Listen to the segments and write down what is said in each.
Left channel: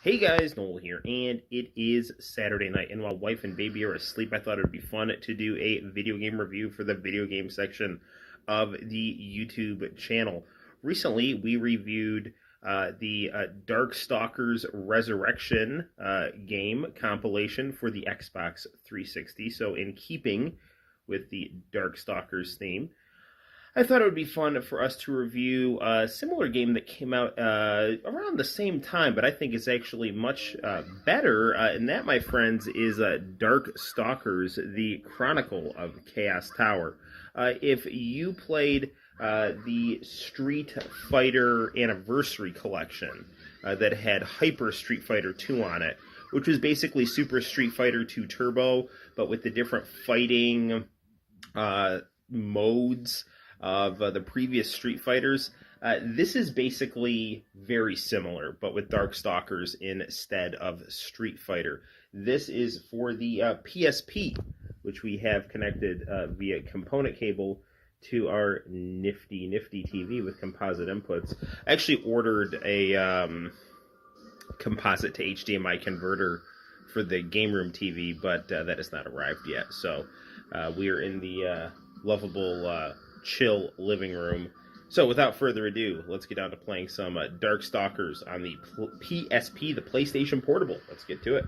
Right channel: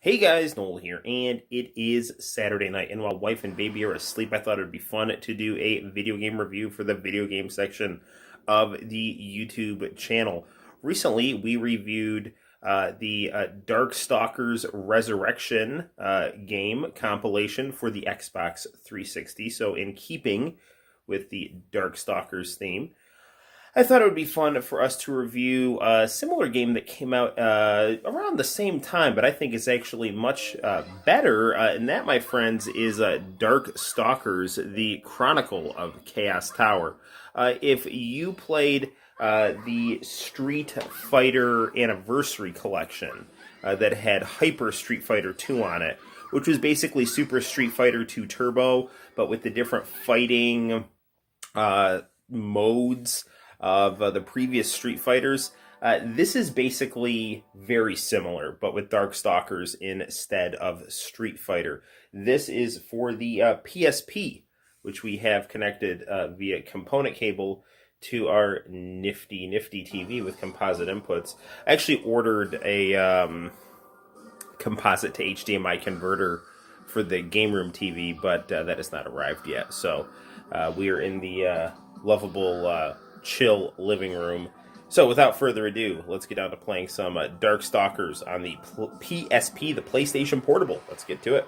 Hey guys, Noel here, and it is Saturday night, and while wife and baby are asleep, I thought it would be fun to do a video game review for the video game section of the YouTube channel. Recently, we reviewed the DarkStalkers Resurrection game compilation for the Xbox 360, so in keeping with the Darkstalkers theme, I thought it would be fun for us to review a similar game that came out around the same time, but I think is actually much better. And that, my friends, is DarkStalkers, the Chronicle of Chaos Tower. If you played the Street Fighter Anniversary Collection that had Hyper Street Fighter 2 on it, which was basically Super Street Fighter 2 Turbo, but with the different fighting modes of the previous Street Fighters. This is basically very similar, but with Darkstalkers instead of Street Fighter. This is for the PSP, which we have connected via component cable to our nifty TV with composite inputs. I actually ordered a composite to HDMI converter for the game room TV, but that has not arrived yet. So we are in the lovable chill living room. So without further ado, let's get down to playing some Darkstalkers on the PSP, the PlayStation Portable. Let's get to it.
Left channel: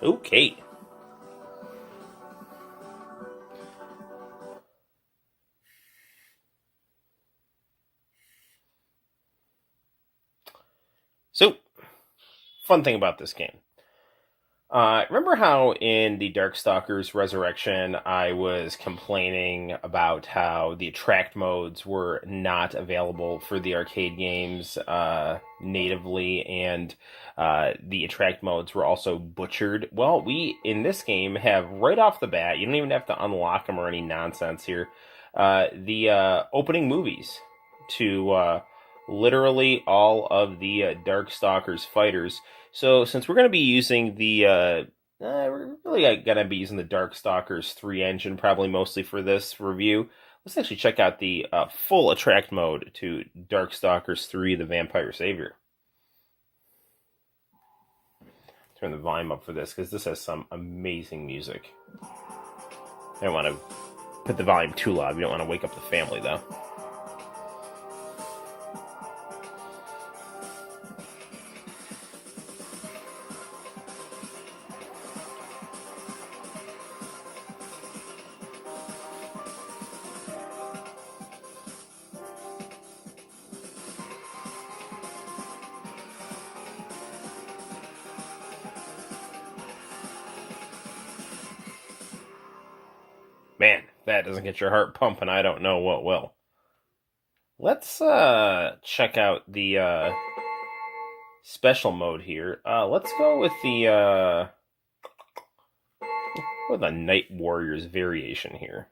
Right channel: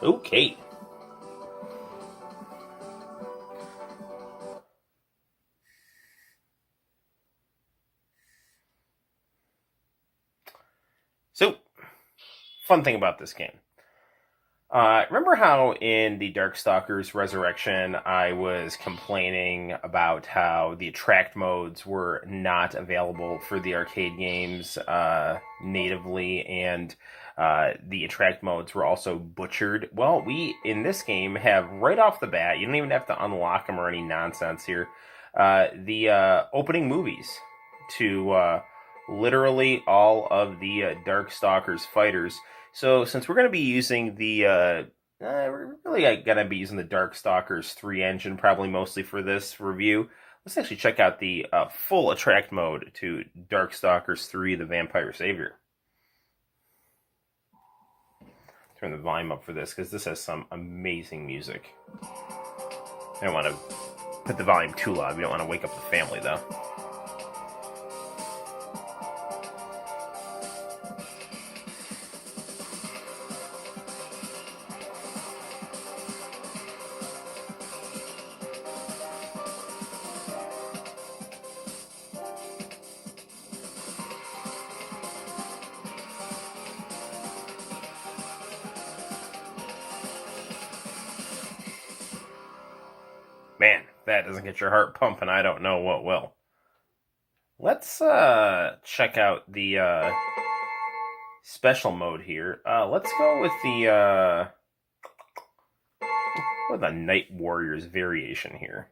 Okay. So, fun thing about this game. Remember how in the Darkstalkers Resurrection I was complaining about how the attract modes were not available for the arcade games natively, and the attract modes were also butchered? Well, we, in this game, have right off the bat, you don't even have to unlock them or any nonsense here, the opening movies to literally all of the Darkstalkers fighters. So since we're going to be using the, we're really going to be using the Darkstalkers 3 engine, probably mostly for this review, let's actually check out the full attract mode to Darkstalkers 3, the Vampire Savior. Turn the volume up for this, because this has some amazing music. I don't want to put the volume too loud. We don't want to wake up the family, though. Man, if that doesn't get your heart pumping, I don't know what will. Let's check out the special mode here. Let's go with the Night Warriors variation here.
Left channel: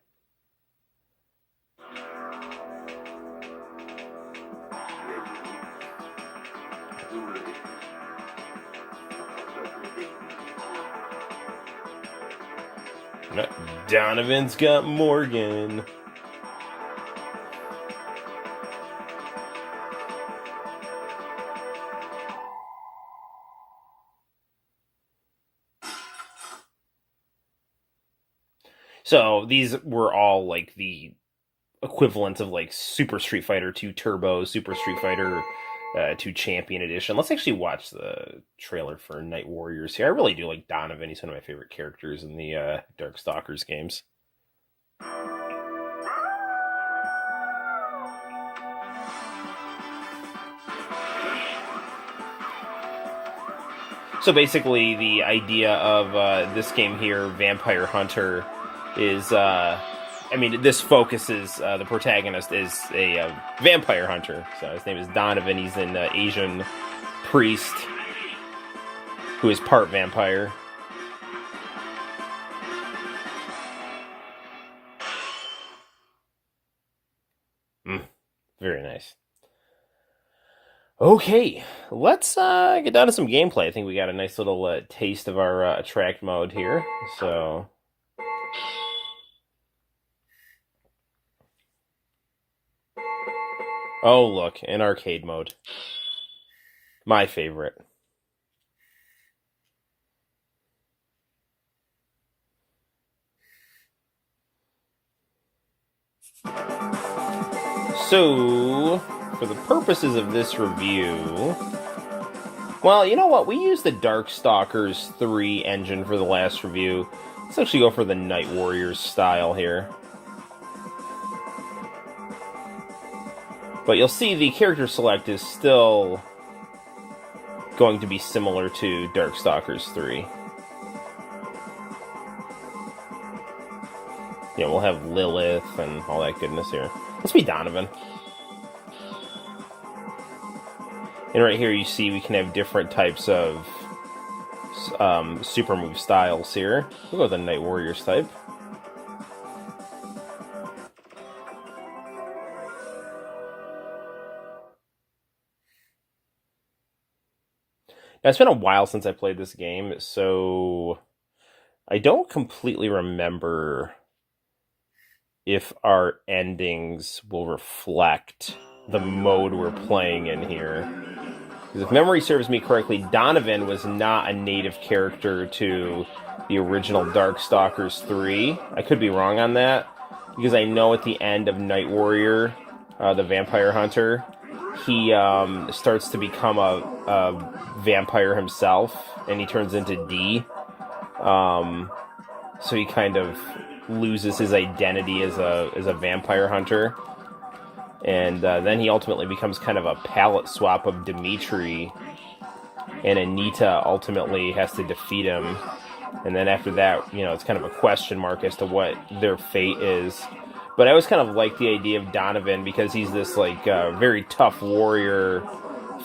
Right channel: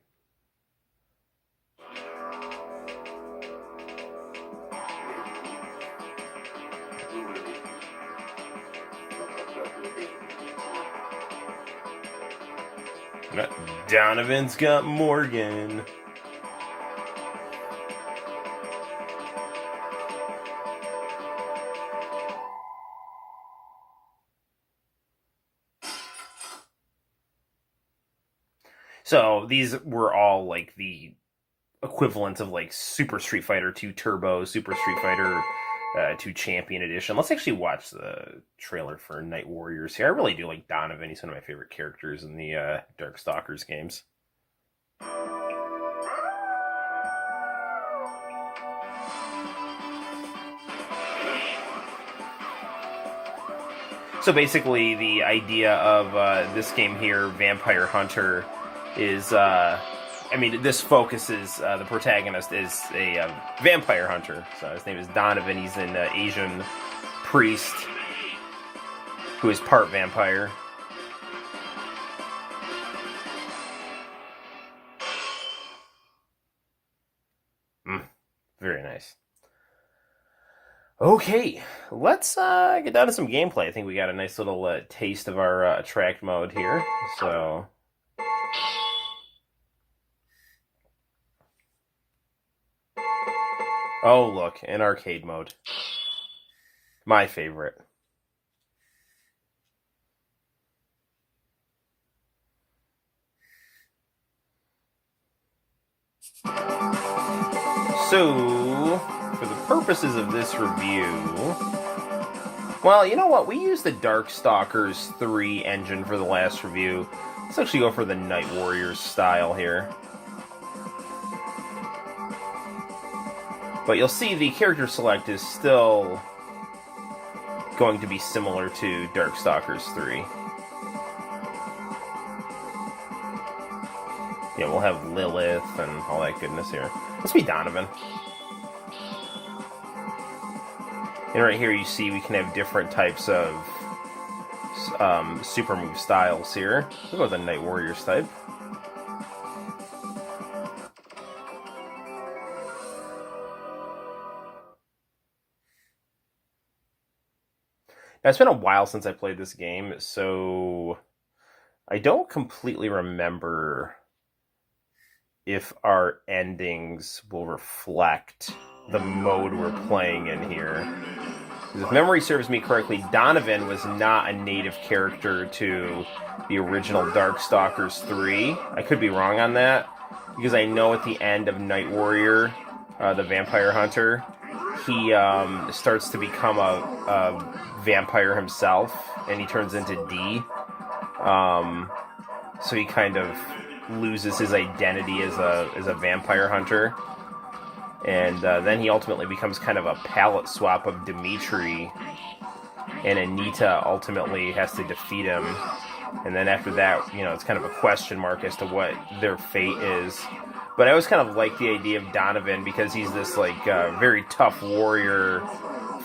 Donovan's got Morgan. So these were all like the equivalent of like Super Street Fighter 2 Turbo, Super Street Fighter 2 Champion Edition. Let's actually watch the trailer for Night Warriors here. I really do like Donovan. He's one of my favorite characters in the Darkstalkers games. So basically, the idea of this game here, Vampire Hunter, is I mean, this focuses, the protagonist is a vampire hunter. So his name is Donovan. He's an Asian priest who is part vampire. Very nice. Okay, let's get down to some gameplay. I think we got a nice little taste of our attract mode here. So Oh, look, in arcade mode. My favorite. So, for the purposes of this review... Well, you know what? We used the DarkStalkers 3 engine for the last review. Let's actually go for the Night Warriors style here. But you'll see the character select is still going to be similar to DarkStalkers 3. Yeah, we'll have Lilith and all that goodness here. Let's be Donovan. And right here you see we can have different types of super move styles here. We'll go with the Night Warriors type. Now, it's been a while since I played this game, so I don't completely remember if our endings will reflect the mode we're playing in here. If memory serves me correctly, Donovan was not a native character to the original DarkStalkers 3. I could be wrong on that, because I know at the end of Night Warrior, the vampire hunter, he starts to become a vampire himself, and he turns into D. So he kind of loses his identity as a vampire hunter. And then he ultimately becomes kind of a palette swap of Dimitri, and Anita ultimately has to defeat him. And then after that, you know, it's kind of a question mark as to what their fate is. But I always kind of like the idea of Donovan because he's this, like, very tough warrior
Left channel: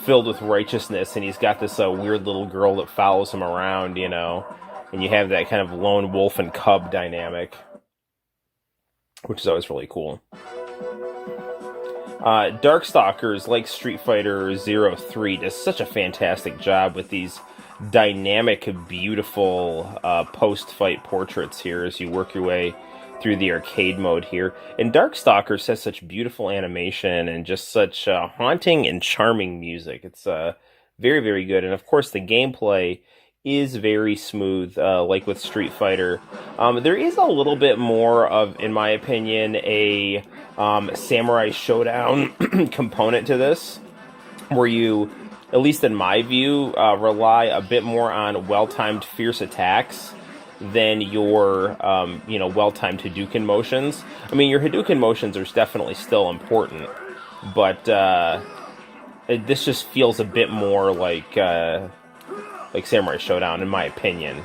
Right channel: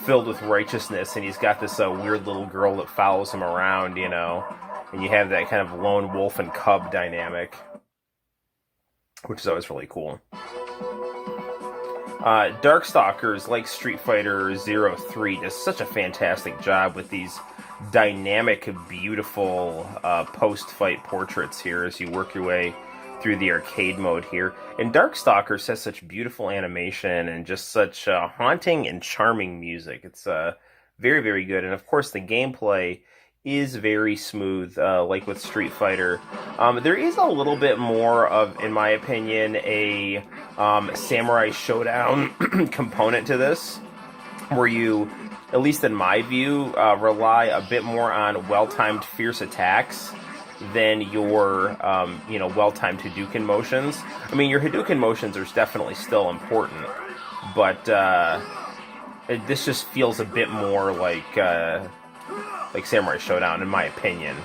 filled with righteousness, and he's got this weird little girl that follows him around, you know. And you have that kind of lone wolf and cub dynamic, which is always really cool. Darkstalkers, like Street Fighter 03, does such a fantastic job with these dynamic, beautiful post-fight portraits here as you work your way through the arcade mode here. And Darkstalkers has such beautiful animation and just such haunting and charming music. It's very, very good. And of course, the gameplay is very smooth, like with Street Fighter. There is a little bit more of, in my opinion, a Samurai Showdown component to this, where you, at least in my view, rely a bit more on well-timed fierce attacks than your, well-timed Hadouken motions. I mean, your Hadouken motions are definitely still important, but this just feels a bit more like Samurai Showdown, in my opinion.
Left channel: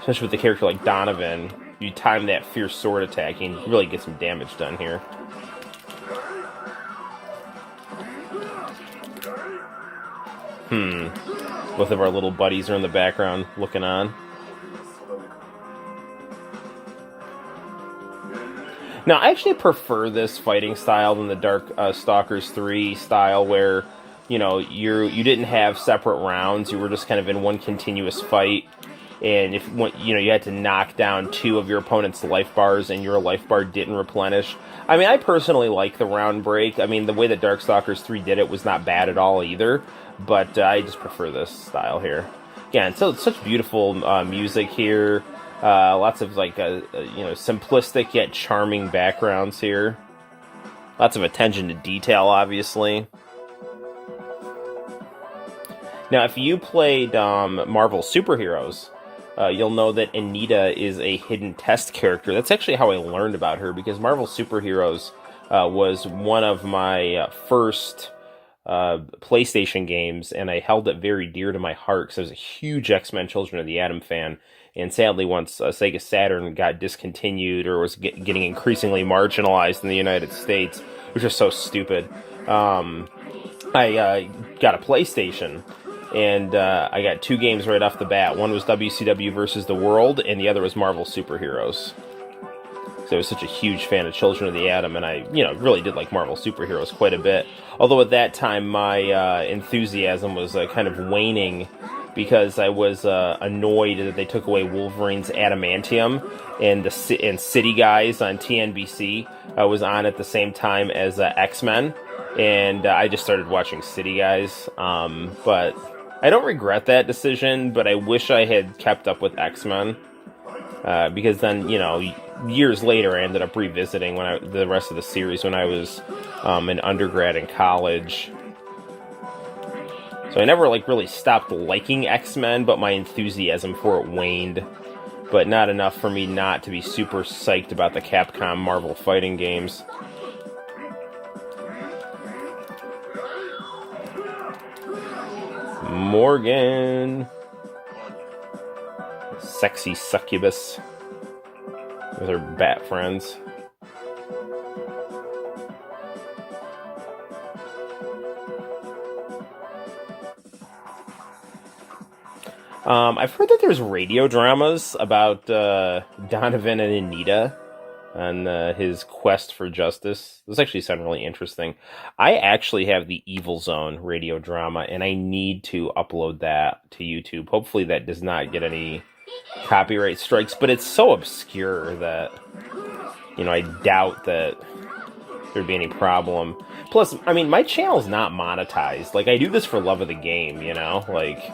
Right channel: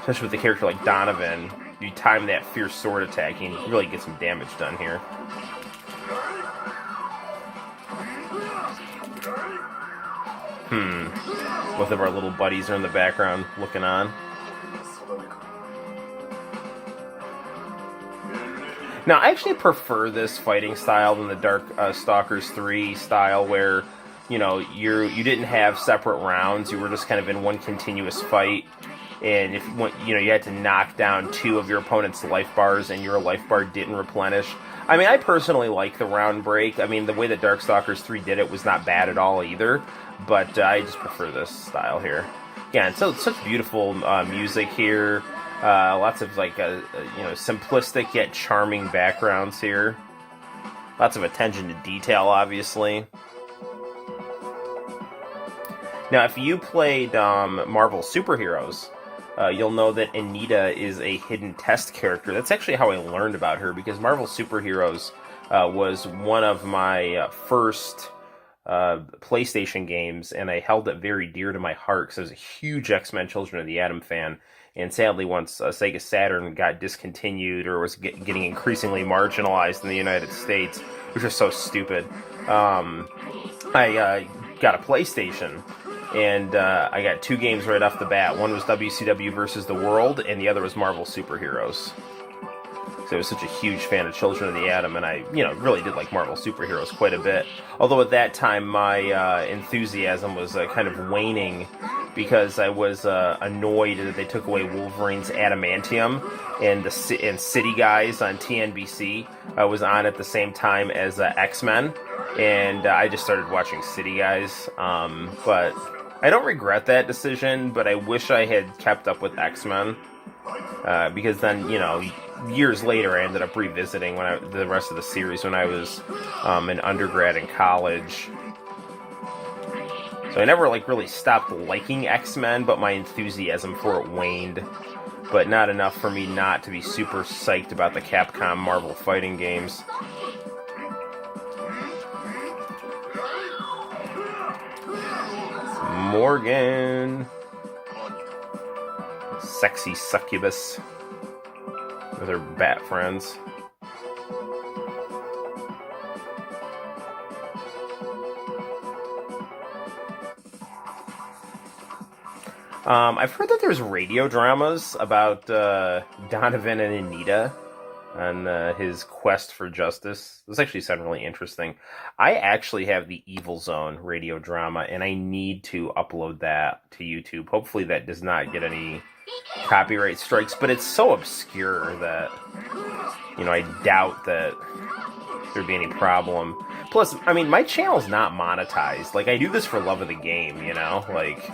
Especially with a character like Donovan, you time that fierce sword attack and you really get some damage done here. Both of our little buddies are in the background looking on. Now, I actually prefer this fighting style than the DarkStalkers 3 style, where, you know, you didn't have separate rounds. You were just kind of in one continuous fight. And if you had to knock down 2 of your opponent's life bars and your life bar didn't replenish. I mean, I personally like the round break. I mean, the way that DarkStalkers 3 did it was not bad at all either. But I just prefer this style here. Yeah, and so it's such beautiful music here. Lots of, like, simplistic yet charming backgrounds here. Lots of attention to detail, obviously. Now, if you played Marvel Superheroes, you'll know that Anita is a hidden test character. That's actually how I learned about her, because Marvel Superheroes was one of my first PlayStation games, and I held it very dear to my heart because I was a huge X-Men Children of the Atom fan. And sadly, once Sega Saturn got discontinued or was getting increasingly marginalized in the United States, which is so stupid, I got a PlayStation. And I got 2 games right off the bat. One was WCW versus the World, and the other was Marvel Superheroes. So I was such a huge fan of Children of the Atom, and I, really did like Marvel Superheroes quite a bit. Although at that time, my enthusiasm was kind of waning because I was annoyed that they took away Wolverine's adamantium, and City Guys on TNBC was on at the same time as X-Men, and I just started watching City Guys. But I don't regret that decision, but I wish I had kept up with X-Men, because then, you know, years later I ended up revisiting the rest of the series when I was an undergrad in college. So I never, like, really stopped liking X-Men, but my enthusiasm for it waned. But not enough for me not to be super psyched about the Capcom Marvel fighting games. Morgan. Sexy succubus with her bat friends. I've heard that there's radio dramas about Donovan and Anita and his quest for justice. Those actually sound really interesting. I actually have the Evil Zone radio drama, and I need to upload that to YouTube. Hopefully that does not get any copyright strikes, but it's so obscure that, you know, I doubt that there'd be any problem. Plus, I mean, my channel's not monetized. Like, I do this for love of the game, you know? Like,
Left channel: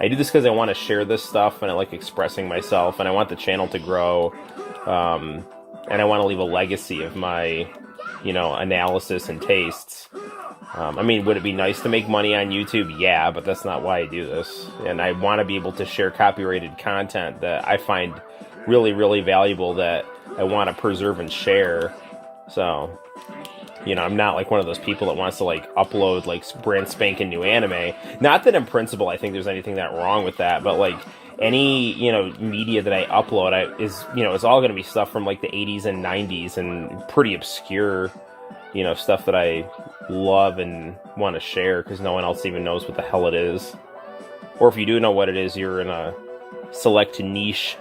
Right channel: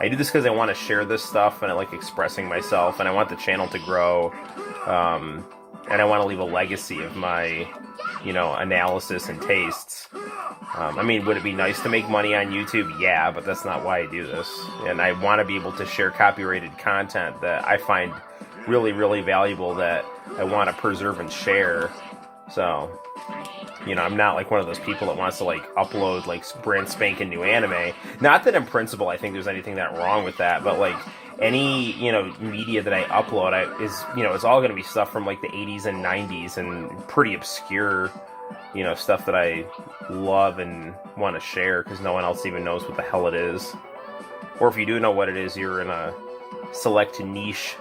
I do this because I want to share this stuff, and I like expressing myself, and I want the channel to grow, and I want to leave a legacy of my, you know, analysis and tastes. I mean, would it be nice to make money on YouTube? Yeah, but that's not why I do this. And I want to be able to share copyrighted content that I find really, really valuable, that I want to preserve and share. So, you know, I'm not like one of those people that wants to, like, upload, like, brand spanking new anime. Not that in principle I think there's anything that wrong with that, but, like, any, you know, media that I upload is, you know, it's all going to be stuff from, like, the 80s and 90s and pretty obscure, you know, stuff that I love and want to share because no one else even knows what the hell it is. Or if you do know what it is, you're in a select niche.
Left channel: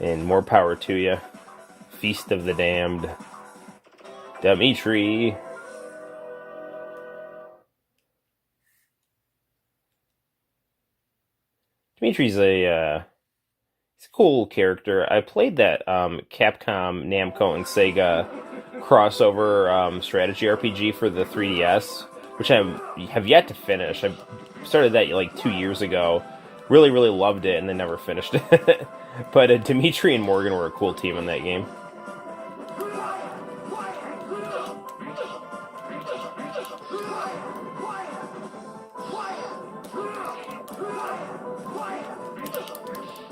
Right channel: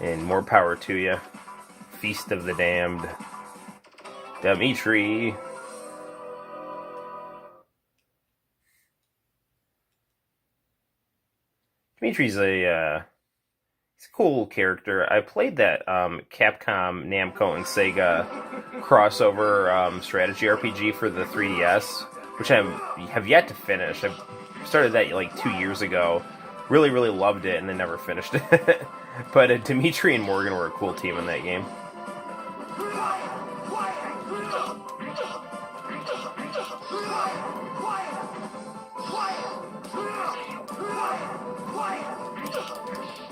And more power to you. Feast of the Damned. Dimitri. Dimitri's he's a cool character. I played that Capcom, Namco, and Sega crossover strategy RPG for the 3DS, which I have yet to finish. I started that like 2 years ago. Really, really loved it, and then never finished it. But Dimitri and Morgan were a cool team in that game.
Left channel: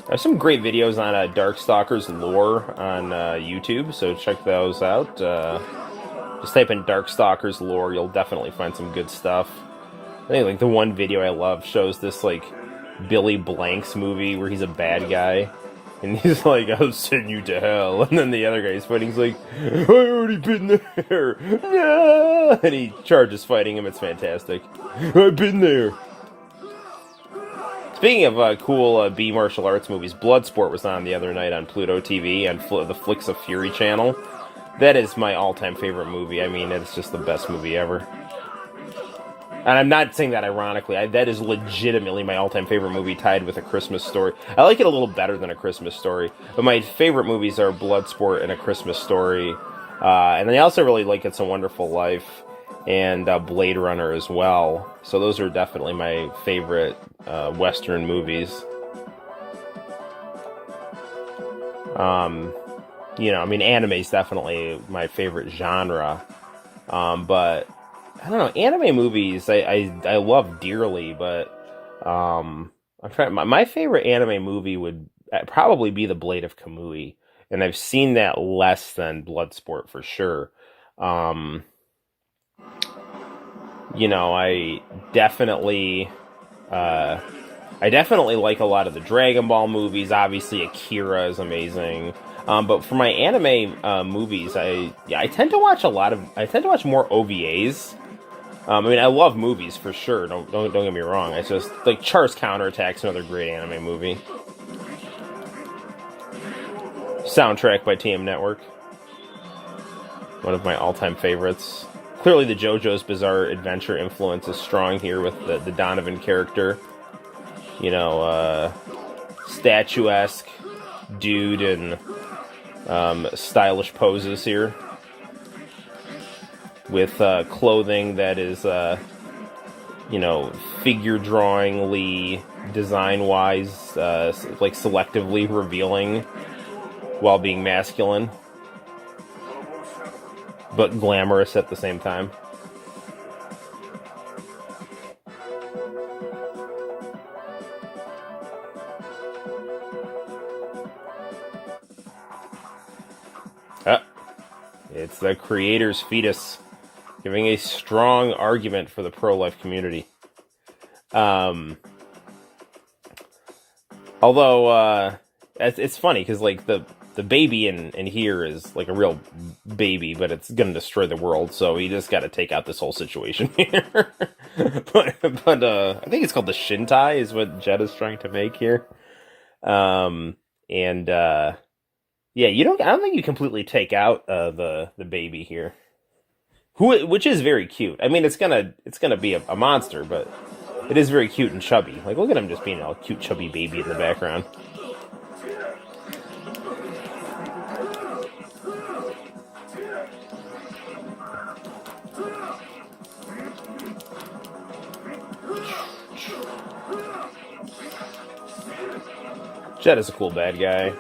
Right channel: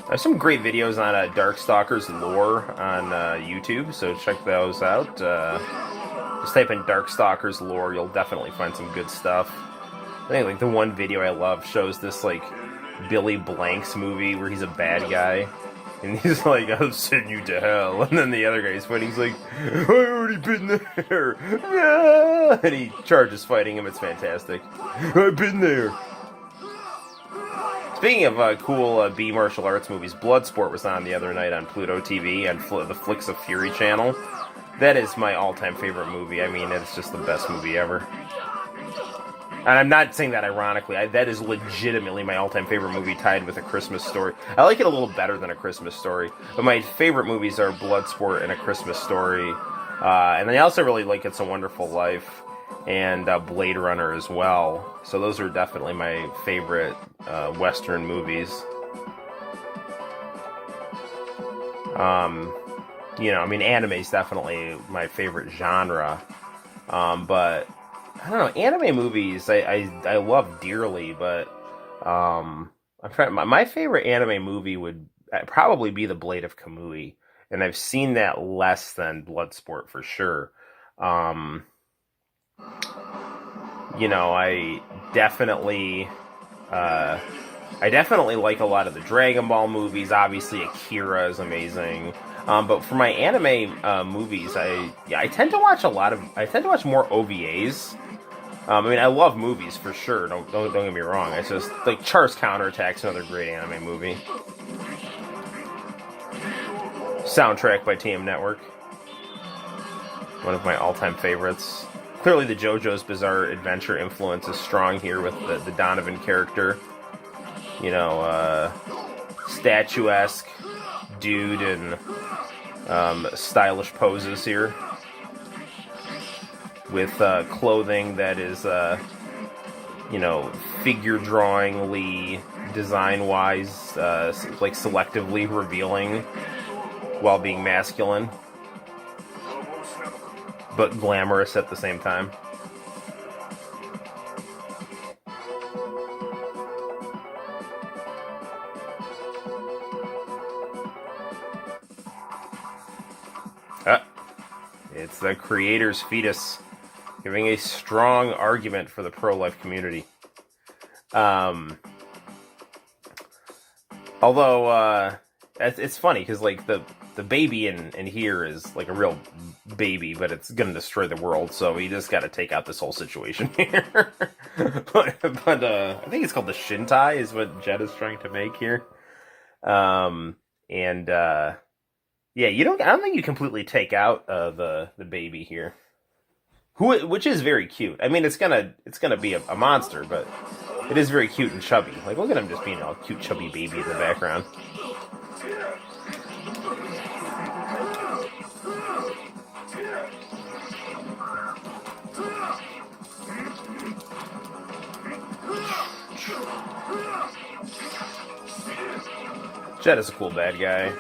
There's some great videos on DarkStalkers lore on YouTube, so check those out. Just type in DarkStalkers lore, you'll definitely find some good stuff. I think like the one video I love shows this like Billy Blanks movie where he's a bad guy, and he's like, "I'll send you to hell," and then the other guy's fighting, he's like, "I already been there," yeah! And he charges fighting him. It's fantastic. I've been there. Speaking of cool B martial arts movies, Bloodsport was on the other night on Pluto TV and the Flicks of Fury channel. That is my all-time favorite movie. I mean, it's just the best movie ever. And I'm not saying that ironically. That is legitimately my all-time favorite movie, tied with A Christmas Story. I like it a little better than A Christmas Story, but my favorite movies are Bloodsport and A Christmas Story. And I also really like It's a Wonderful Life and Blade Runner as well. So those are definitely my favorite Western movies. You know, I mean, anime is definitely my favorite genre. But I don't know, anime movies I love dearly, but I'm trying. My favorite anime movie would probably be The Blade of Kamui, and I've seen that less than Bloodsport for sure. You know, I definitely like a lot of the Dragon Ball movies. Obviously, Akira is amazing. But for my anime movies, I tend to watch more OVAs. I mean, I love movies for sure. Don't get me wrong. It's just like Char's Counterattack's another great anime movie. Soundtrack by TM Network. One of my all-time favorites. Clearly, the JoJo's Bizarre Adventure influence is strong here with the Donovan character. you know, statuesque dude in stylish poses here, with clothing that is, you know, figure drawingly, design-wise, like selectively revealing while being masculine, but glamorous at the same time. It's the creator's fetus, giving a strong argument for the pro-life community. Although, it's funny, because, like, the baby in here is, like, a real baby, but it's gonna destroy the world, so he just gotta take out this whole situation here. but I think it's called the Shintai, is what Jet is trying to make here. Yeah, I don't think you completely take out the baby here, which is very cute. I mean, it's gonna be a monster, but it is very cute and chubby. Like, look at him just being a cute, chubby baby in the background. Jet is a cool bad guy,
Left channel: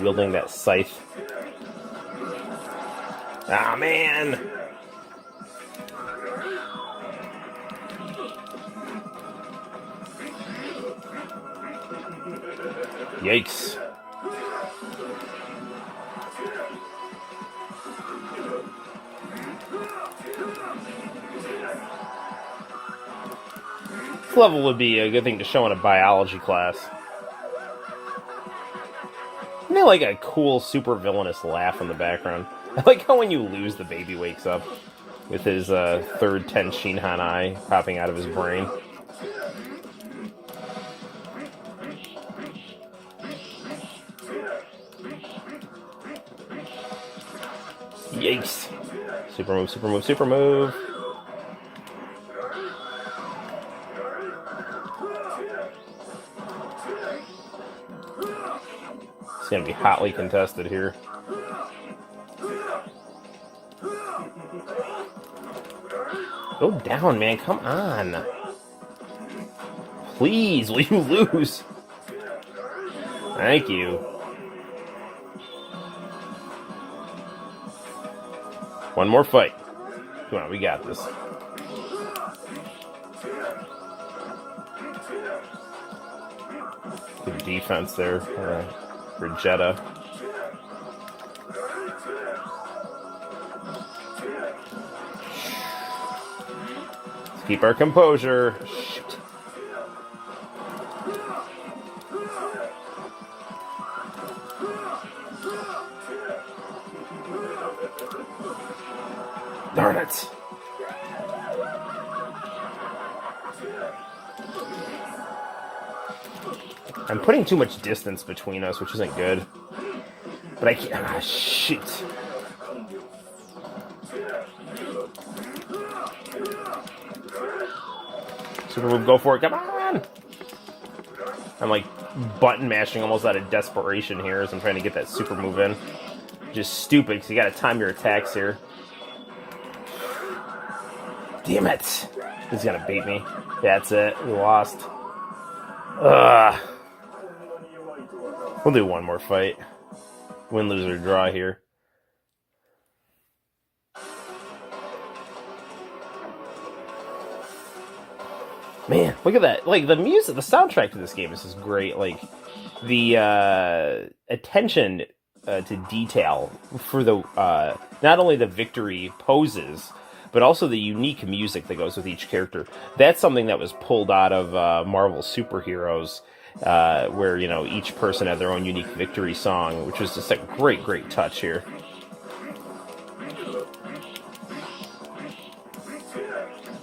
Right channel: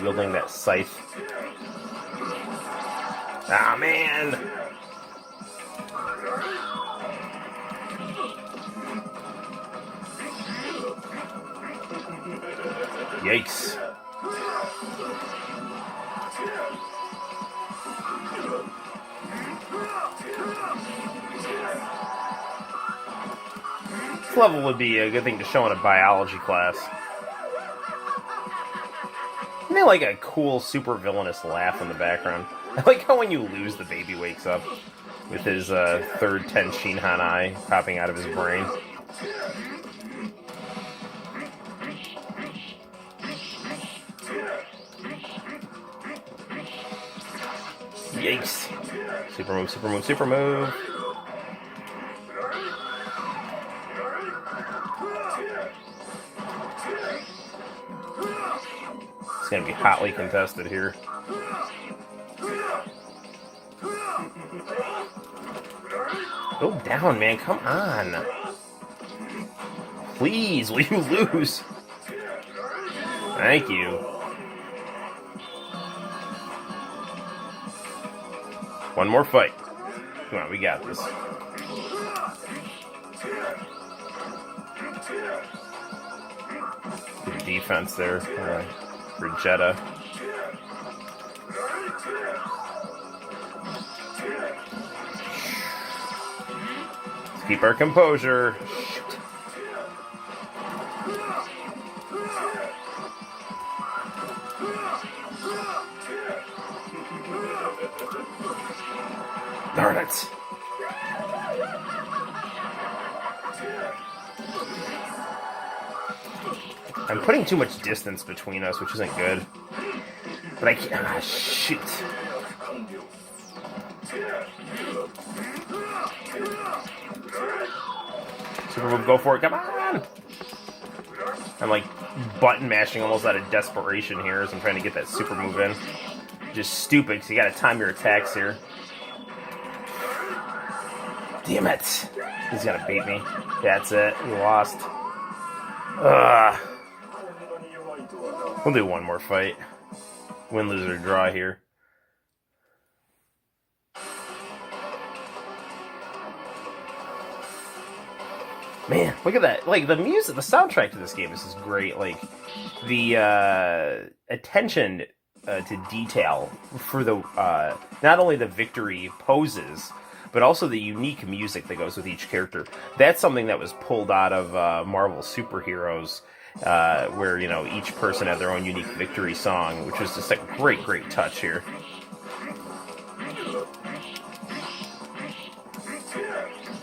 wielding that scythe. Ah, man! Yikes. This level would be a good thing to show in a biology class. I mean, like a cool, super villainous laugh in the background. I like how when you lose, the baby wakes up with his third Ten Shinhan eye popping out of his brain. Yikes. Super move, super move, super move. It's going to be hotly contested here. Go down, man. Come on. Please, will you lose? Thank you. One more fight. Come on, we got this. Good defense there for Jetta. Let's keep our composure. Shit. Darn it. I'm putting too much distance between us, which isn't good. But I can't. Ah, shit. Super move, go for it. Come on! I'm like button mashing almost out of desperation here as I'm trying to get that super move in. Just stupid, because you gotta time your attacks here. Damn it! He's gonna beat me. That's it. We lost. Ugh. We'll do one more fight. Win, lose, or draw here. Man, look at that. Like, the music, the soundtrack to this game is just great. Like, the attention to detail for the not only the victory poses, but also the unique music that goes with each character. That's something that was pulled out of Marvel Superheroes, where, you know, each person had their own unique victory song, which was just a great, great touch here.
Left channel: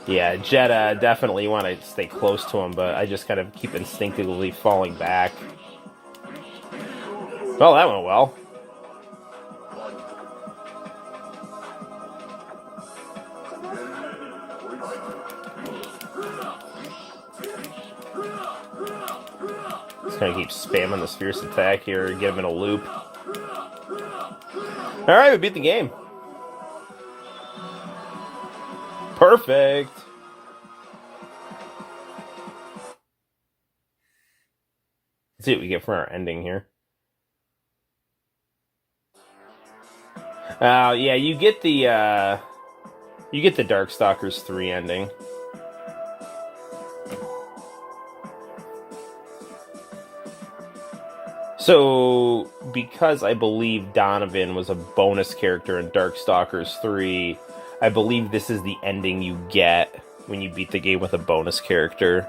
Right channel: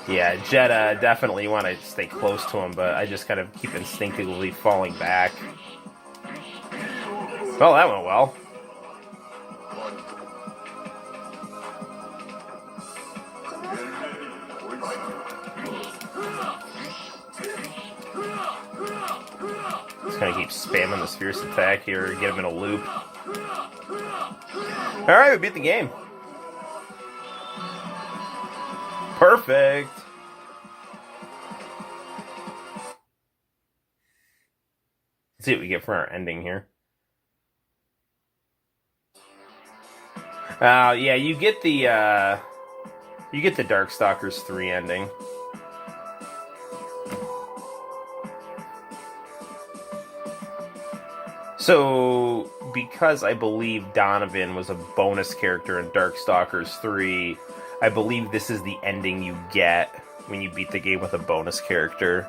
Yeah, Jetta, definitely want to stay close to him, but I just kind of keep instinctively falling back. Well, that went well. keep spamming this fierce attack here to get him in a loop. Alright, we beat the game. Perfect. Let's see what we get for our ending here. Yeah, you get the DarkStalkers 3 ending. So, because I believe Donovan was a bonus character in DarkStalkers 3, I believe this is the ending you get when you beat the game with a bonus character.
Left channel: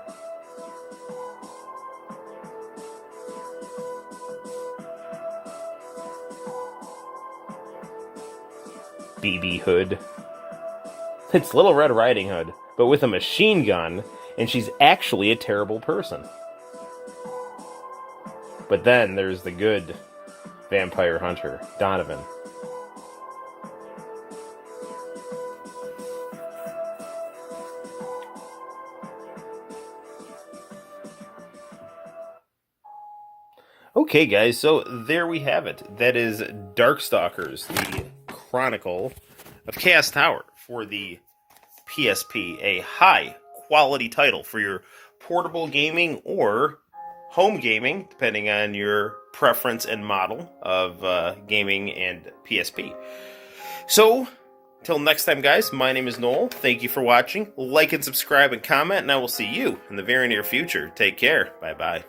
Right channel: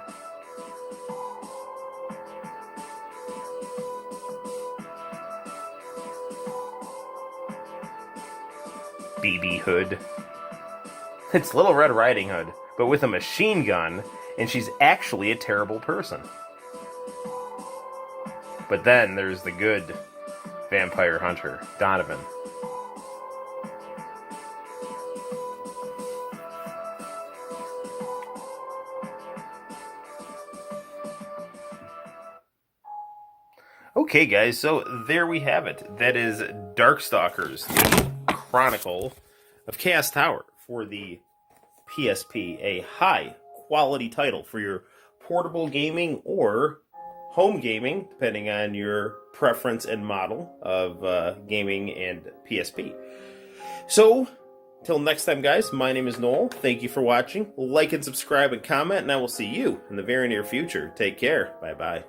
BB Hood. It's Little Red Riding Hood, but with a machine gun, and she's actually a terrible person. But then there's the good vampire hunter, Donovan. Okay, guys, so there we have it. That is DarkStalkers, the Chronicle of Chaos Tower for the PSP. A high-quality title for your portable gaming or home gaming, depending on your preference and model of gaming and PSP. So, till next time, guys, my name is Noel. Thank you for watching. Like and subscribe and comment, and I will see you in the very near future. Take care. Bye-bye.